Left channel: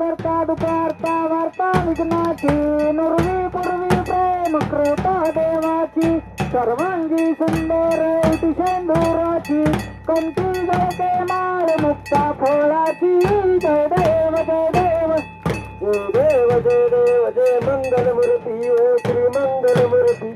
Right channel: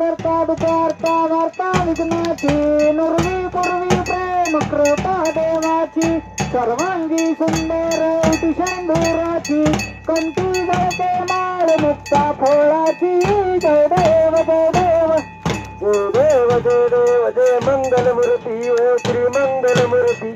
करता दुपारता वार्ता विघ्नाची नुरवी पूर्वी कृपा देवाची सर्वांगी सुंदर शंभराची. कंठी जळते माळ मुक्ता फोळाची जय देव जय देव. जय देव जय देव जय मंगलमूर्ती ओ श्री मंगलमूर्ती.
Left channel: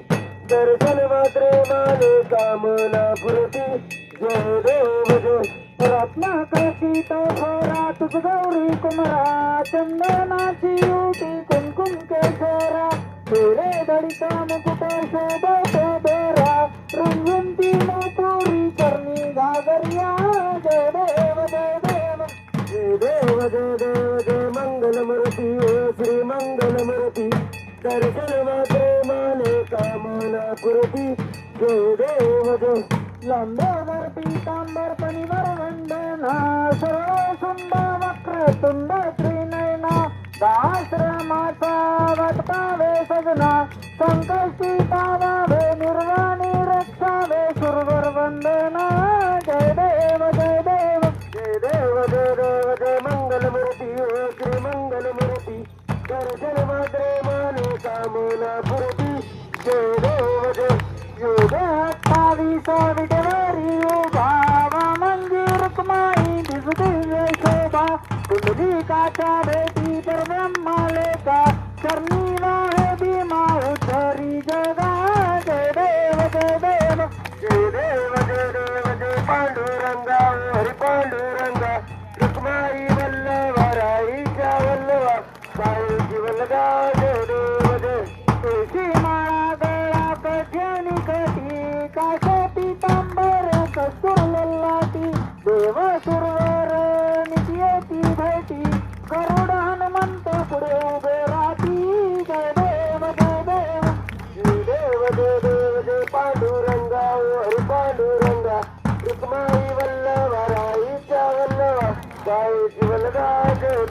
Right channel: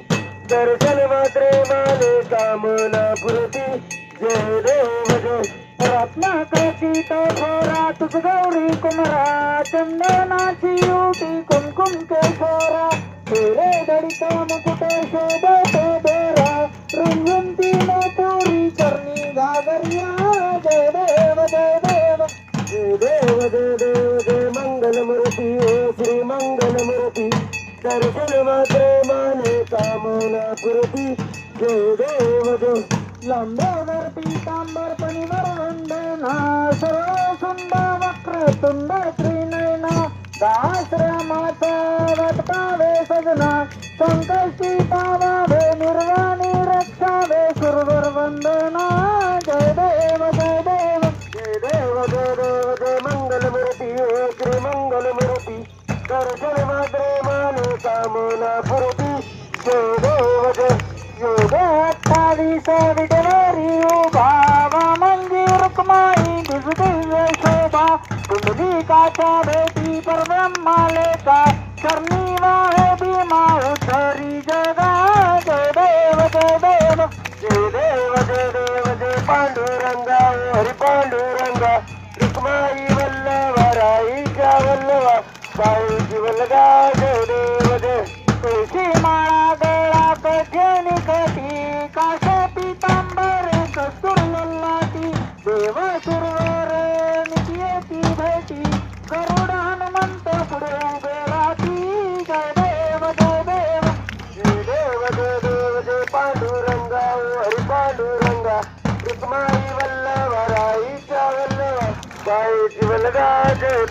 दर्शन मात्रे माने कामना पुरती जय देव जय. रत्नाकळशी तो खोरा तुझ गौरी कुमरा. चंदनाची युटी कुमकुम केशरा हिरे दडिता मुकुट शोभते बेरा? रुंजंती पुरी करणी घागरिया जय देव जय देव. जय देव जय देव जय मंगलमूर्ती ओ श्री मंगलमूर्ती. दर्शन मात्रे माने कामना पुरती जय देव जय. लंबोदर पीतांबर तनिवर वंदना सर्व सुंदर वक्र तुंड त्रिनयना दाश्रमाचा वटकावे सजना संकष्टी पावावे निर्वाणी रक्षावे सुरवर वंदना जय देव जय देव. जय देव जय देव जय मंगलमूर्ती ओ श्री मंगल मूर्ती दर्शन मात्रे मान कामना पुरती जय देव जय. योग अठ्ठावीस विटलेरी उभावा मंदिर रुक्माई भी का तो बेटी पर ब्रह्मा लेका करनी वाले बीमा उतरी जगा जय देव जय देव जय देव जय देव, जय पांडुरंगा, हरि पांडुरंगा। रुक्माई वल्लभ, राई का वल्लभ, साई जी वल्लगा जय देव, जय। तुलसी माला देव सुरवर साईची वल्लभा जय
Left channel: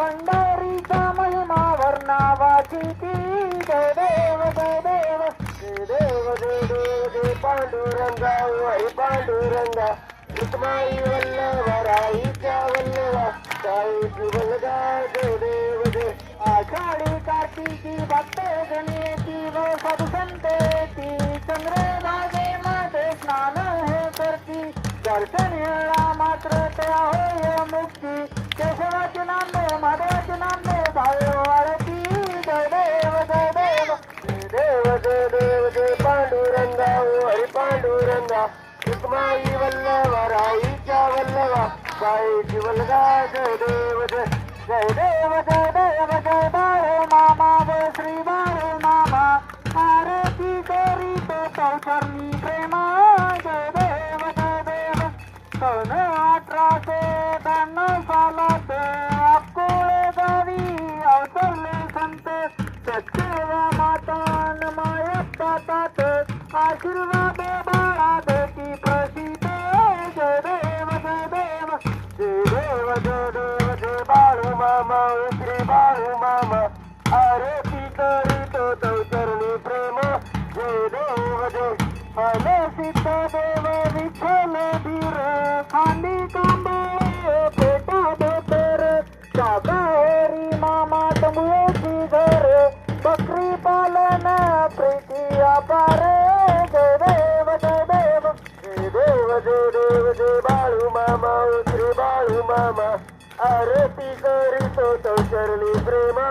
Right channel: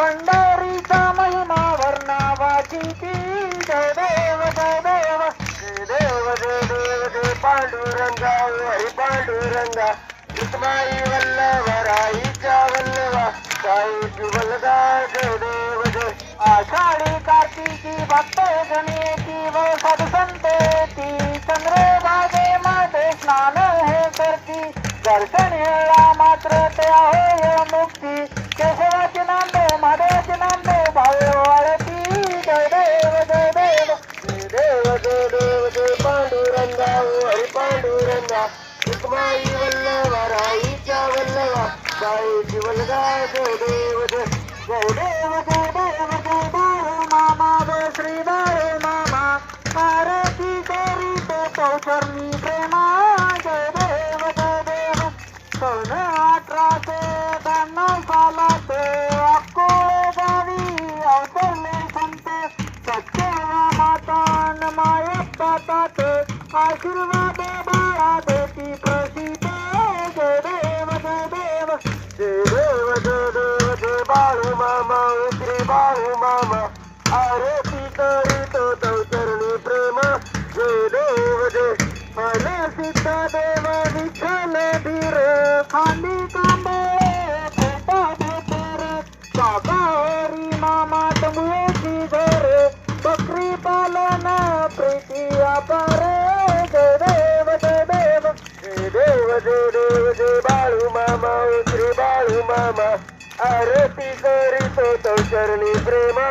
पंढरीचा महिमा वर्णावाची ती जय देव जय देव जय देव जय देव जय पांडुरंगा हरी पांडुरंगा रुक्माई वल्लभा राईच्या वल्लभा साई वल्लभा जय देव जय आषाढी कार्तिकी भक्त गणेती व सदसंतेती चंद्रभागे चंद्रभागेमध्ये स्नान हे करती दर्शन हेळा मात्र त्या हो Vasudeva Vasudeva Vasudeva जय देव जय देव जय देव जय देव जय देव मामा एकरी बाळू मामा आरती करी तो तो चरणी प्रेमा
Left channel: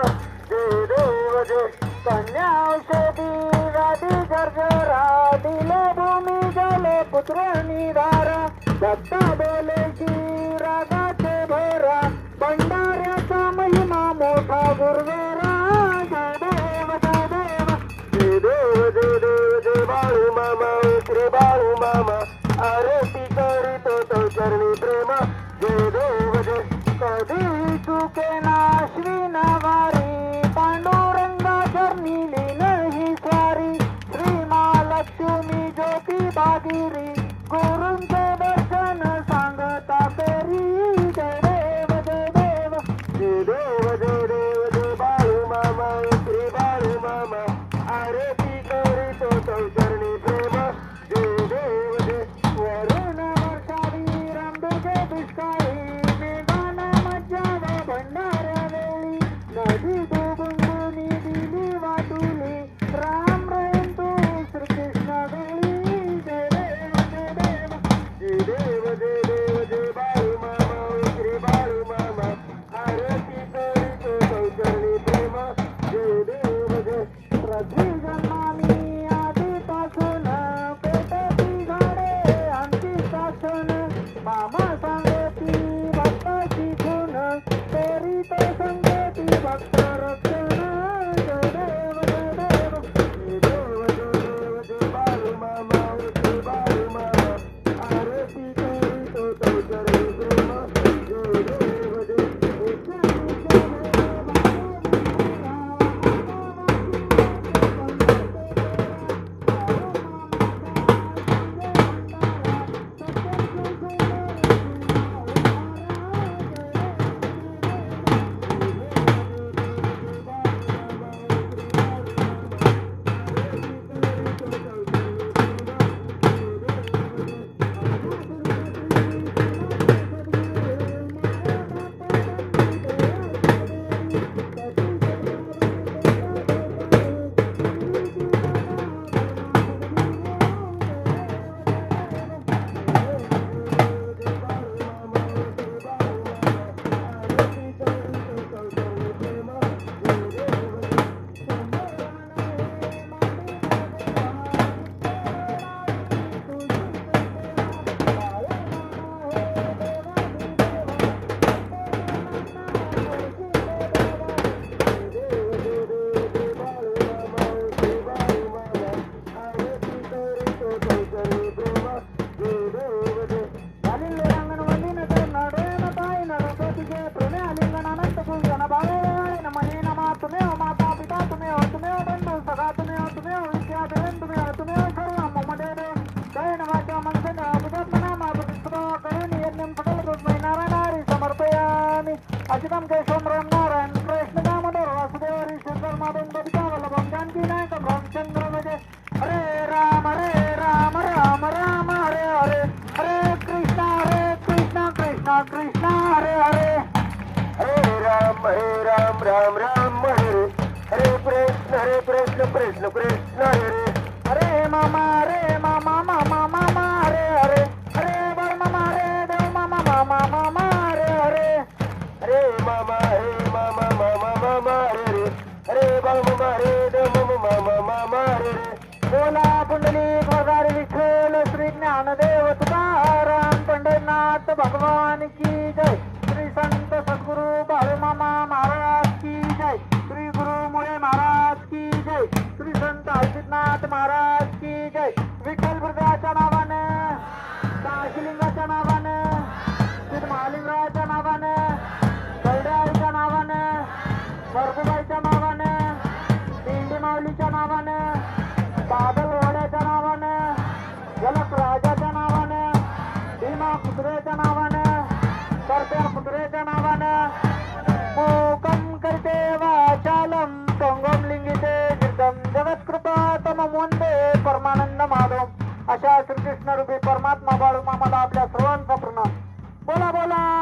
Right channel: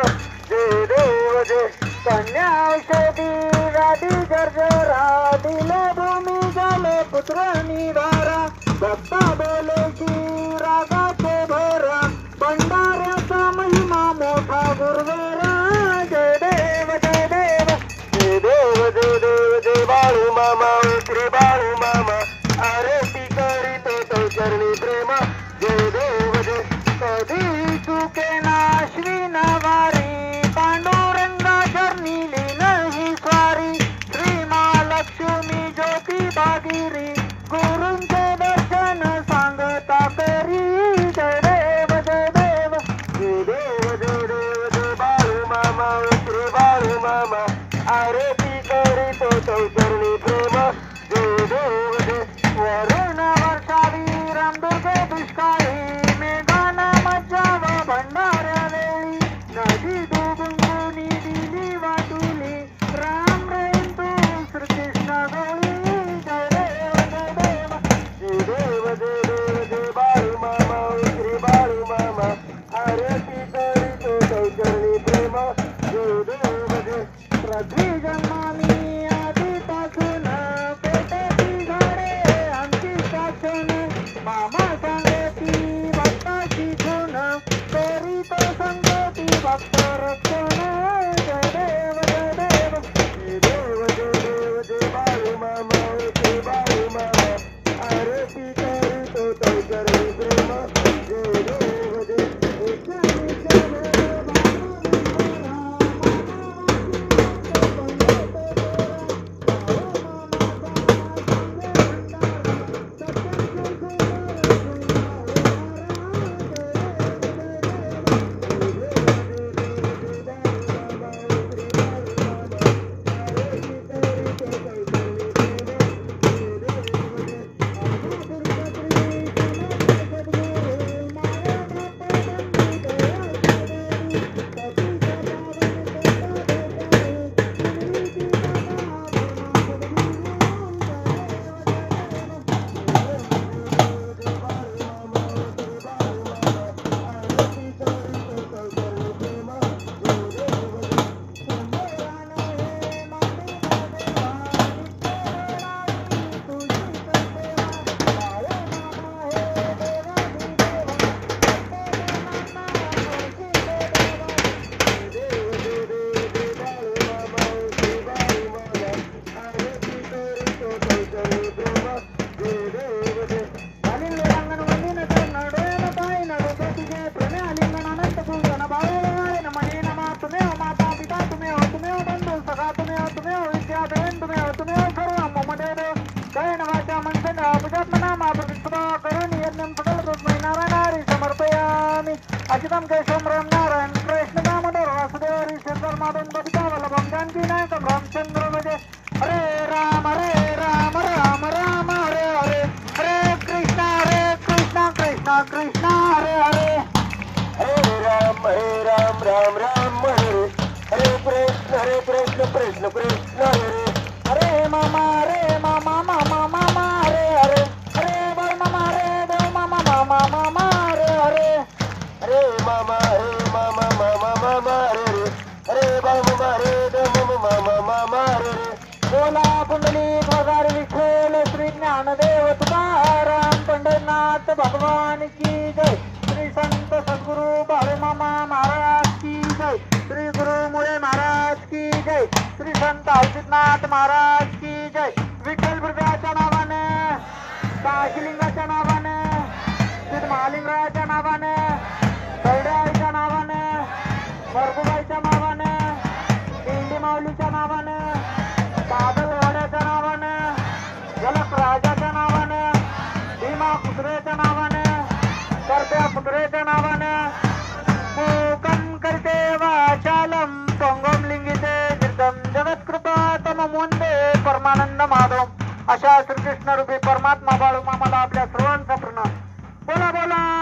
जय देव जय कन्या కౌకరుణి ప్రేమ దేవదేవుడే వరుణ వర్తాది రందుకే దుష్కాళీ అచితం కేశవం రామనారాయణ కృష్ణ దామోదర వాసుదేవ శ్రీధర్ మాధవం కవితా వల్లభం జానకి నాయకం రామచంద్ర విజయ హరే రామ హరే రామ రామ రామ హరే హరే హరే కృష్ణ హరే కృష్ణ కృష్ణ కృష్ణ హరే హరే హరే రామ హరే రామ రామ రామ హరే హరే కృష్ణ హరే కృష్ణ కృష్ణ కృష్ణ హరే హరే नाथ भगवान की जय। श्री संत सद्गुरु बाळूमामा महाराज की जय। श्री गुरु मुळे महाराज की जय। श्री संत हरसिद्धनाथ महाराज की जय। विठ्ठल बुद्धाच्या नावाने काशिलिंगाच्या नावाने श्री महालिंगाच्या नावाने परमानंद माधव. अशा श्रीकृष्ण रूपी परमात्मा बाळू मामाला आपल्या सर्वांचा प्रणाम. बोला बोला.